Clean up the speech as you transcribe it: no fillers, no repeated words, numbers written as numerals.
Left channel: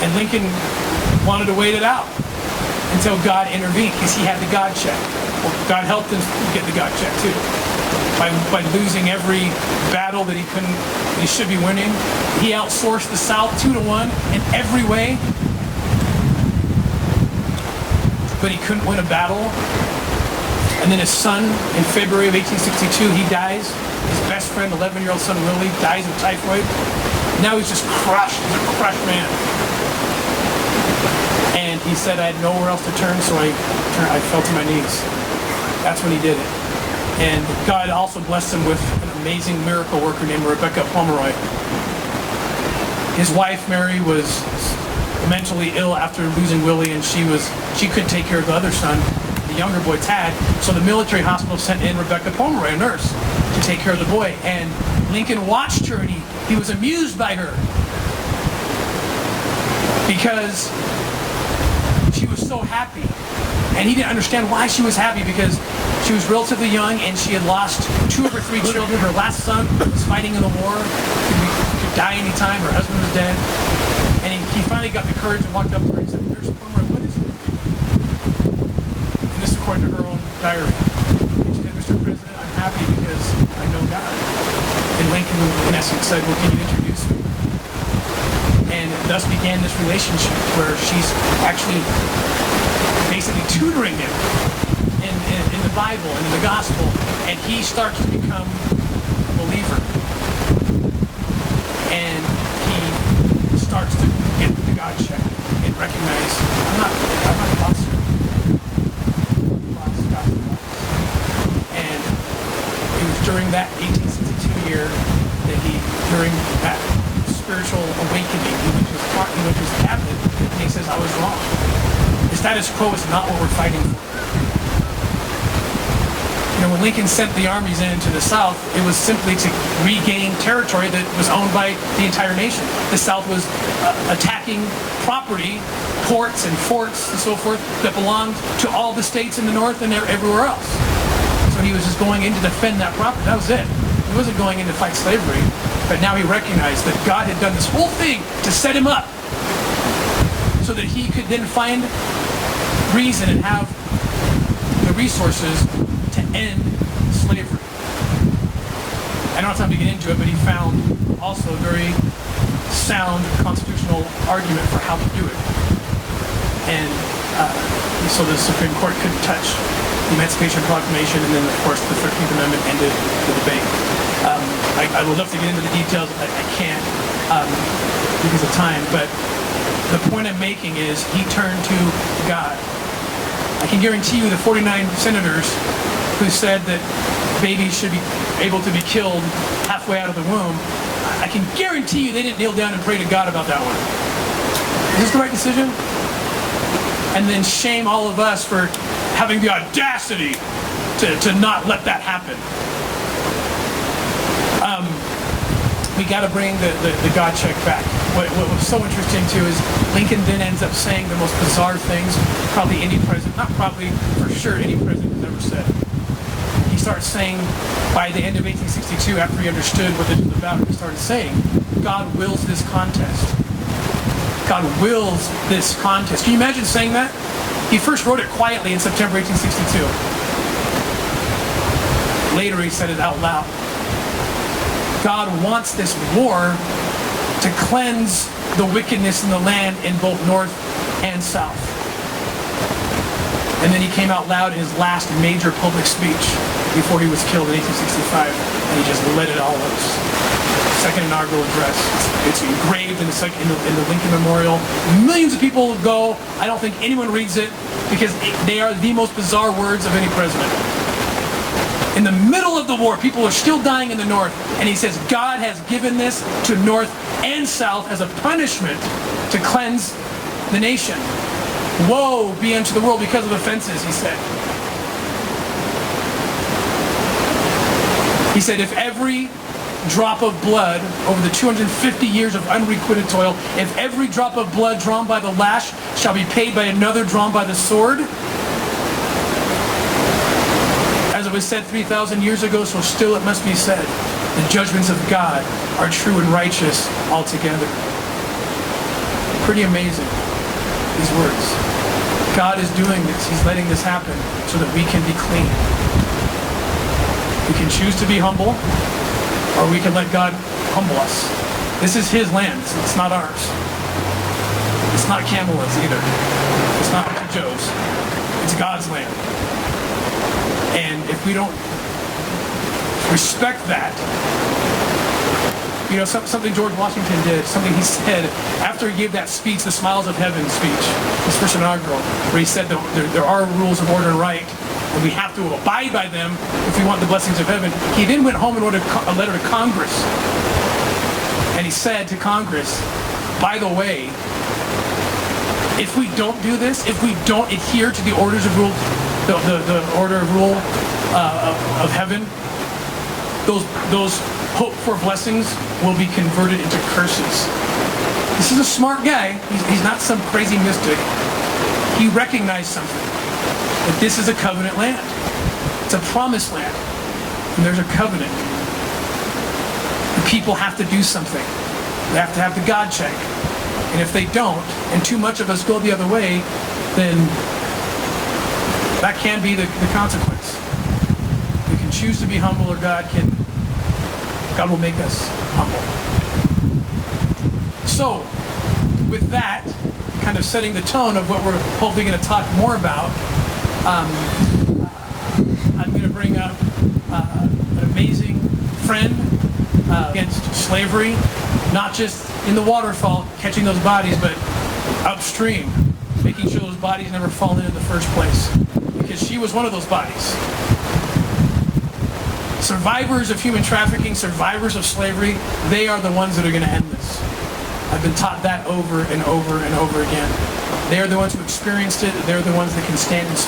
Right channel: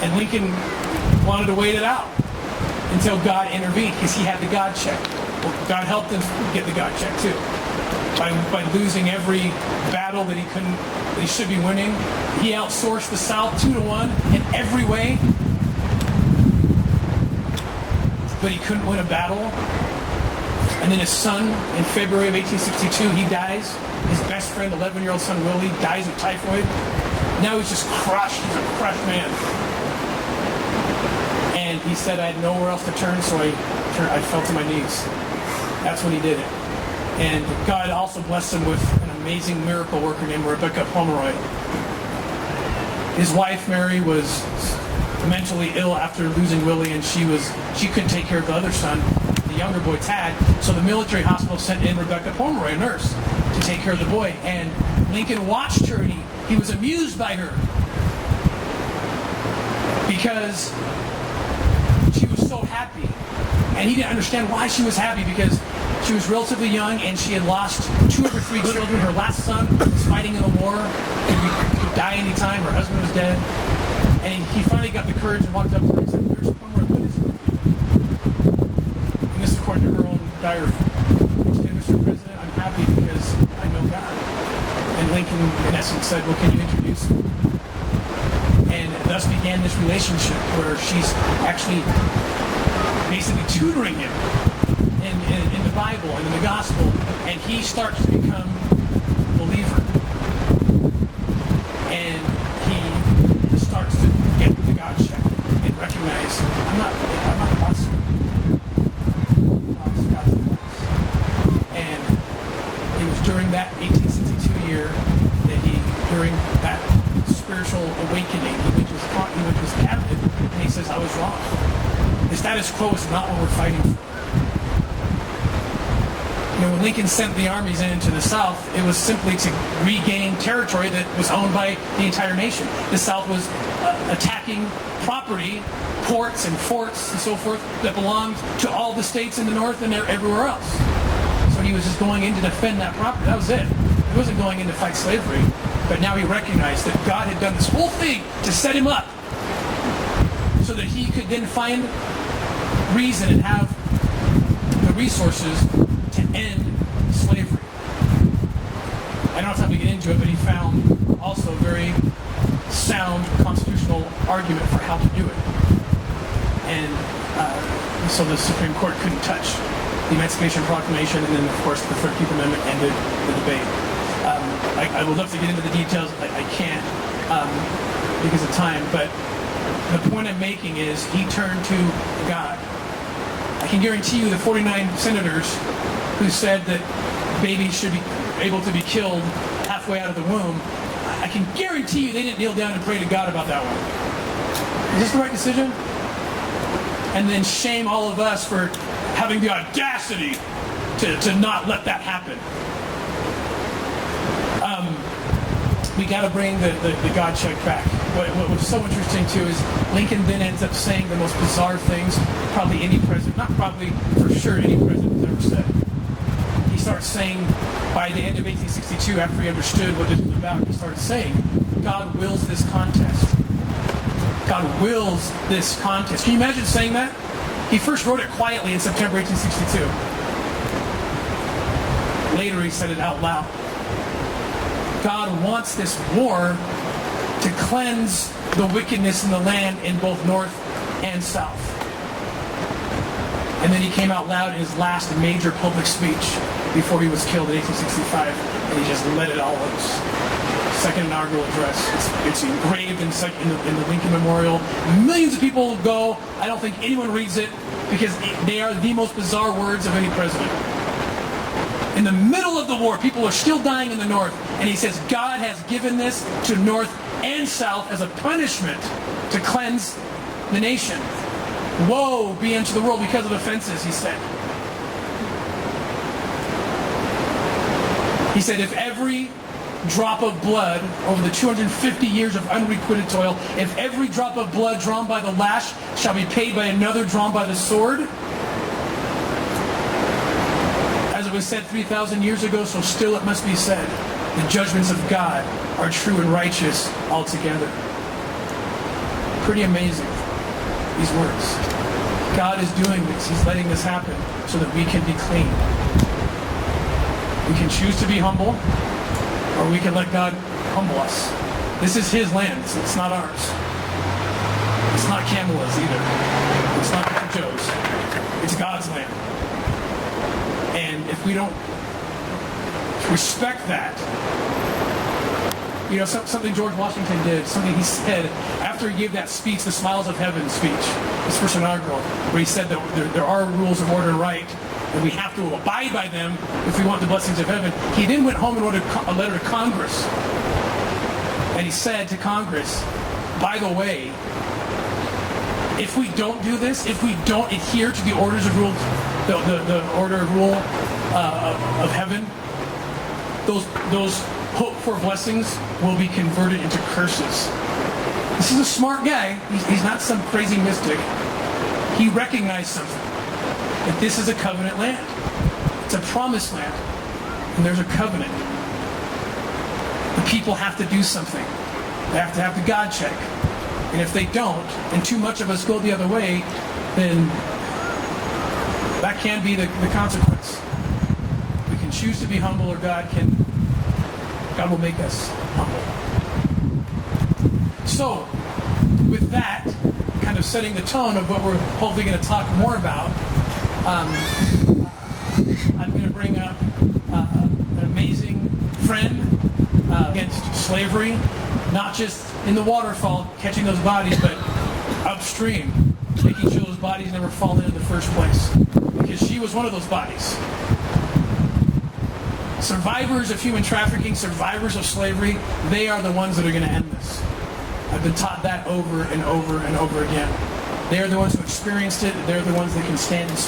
And Lincoln wanted to wait it out until God intervened, because he had the God check. Well, God helped him get the God check too. By losing every battle that he should be winning. He outsourced the South 2-1 in every way. But he couldn't win a battle. And then his son, in February of 1862, he dies. His best friend, 11-year-old son Willie, dies of typhoid. Now he's just crushed. He's a crushed man. And he said, I had nowhere else to turn, so I fell to my knees. That's when he did it. And God also blessed him with an amazing miracle worker named Rebecca Pomeroy. His wife, Mary, was mentally ill after losing Willie, and she couldn't take care of the other son, the younger boy, Tad. So the military hospital sent in Rebecca Pomeroy, a nurse, to take care of the boy. And Lincoln watched her, and he was amused by her, because she was so happy. And he didn't understand why she was happy, because she was relatively young and she had lost 2 of her 3 children. Her last son was fighting in the war, could die anytime. Her husband was dead. And he finally got the courage and walked up to her and said, Nurse Pomeroy, what is it with you? And this is according to her own diary. And she said, Mr. President, I'm happy because I know God. And Lincoln, in essence, said, well, can you introduce me? And thus began this relationship where she's actually basically tutoring him in the Bible and in the gospel, and he starts to become a believer. And he starts to get the God check and recognize, I'm not the boss here. I'm not the boss, God's the boss. And it was during that 1862 year that during that spiritual awakening, he went to his cabinet and he says, I was wrong. The status quo is not what we're fighting for. You know, when Lincoln sent the armies into the South, it was simply to regain territory that was owned by the entire nation. The South was attacking property, ports and forts and so forth, that belonged to all the states in the North and everywhere else. So he was just going in to defend that property. That was it. He wasn't going in to fight slavery. But now he recognized that God had done this whole thing to set him up so that he could then find reason and have the resources to end slavery. I don't have time to get into it, but he found also a very sound constitutional argument for how to do it. And so the Supreme Court couldn't touch the Emancipation Proclamation, and then, of course, the 13th Amendment ended the debate. I would love to get into the details. I can't because of time, but the point I'm making is he turned to God. I can guarantee you the 49 senators who said that babies should be able to be killed halfway out of the womb, I can guarantee you they didn't kneel down and pray to God about that one. Is this the right decision? And then shame all of us for having the audacity to not let that happen. We got to bring the God check back. What was so interesting too is Lincoln then ends up saying the most bizarre things probably any president, not probably, for sure any president has ever said. He starts saying, by the end of 1862, after he understood what this was about, he started saying, God wills this contest. God wills this contest. Can you imagine saying that? He first wrote it quietly in September 1862. Later he said it out loud. God wants this war to cleanse the wickedness in the land in both North and South. And then he came out loud in his last major public speech before he was killed in 1865, and he just let it all loose. Second inaugural address. It's engraved in the Lincoln Memorial. Millions of people go. I don't think anyone reads it because they are the most bizarre words of any president. In the middle of the war, people are still dying in the North, and he says God has given this to North and South as a punishment to cleanse the nation. Woe be unto the world because of offenses, he said. He said, if every drop of blood over the 250 years of unrequited toil, if every drop of blood drawn by the lash shall be paid by another drawn by the sword, as it was said 3,000 years ago, so still it must be said, the judgments of God are true and righteous altogether. pretty amazing, these words. God is doing this. He's letting this happen so that we can be clean. We can choose to be humble, or we can let God humble us. This is his land. It's not ours. It's not Kamala's either. It's not Uncle Joe's. It's God's land. And if we don't respect that, something George Washington did, something he said after he gave that speech, the Smiles of Heaven speech, his first inaugural, where he said that there are rules of order and right, and we have to abide by them if we want the blessings of heaven. He then went home and wrote a letter to Congress. And he said to Congress, by the way, if we don't do this, if we don't adhere to the orders of rule, the order of rule of heaven, those hoped for blessings will be converted into curses. This is a smart guy. He's not some crazy mystic. He recognized something, that this is a covenant land. It's a promised land. And there's a covenant. The people have to do something. They have to have the God check. And if they don't, and too much of us go the other way, then that can be the consequence. We can choose to be humble, or God will make us humble. So, with that, kind of setting the tone of what we're hopefully going to talk more about, I'm going to bring up an amazing friend against slavery, not just in the waterfall, catching those bodies, but upstream, making sure those bodies never fall in the first place, because she was one of those bodies. Survivors of human trafficking, survivors of slavery, they are the ones that are going to end this. I've been taught that over and over and over again. They're the ones who experienced it. They're the ones that can stand and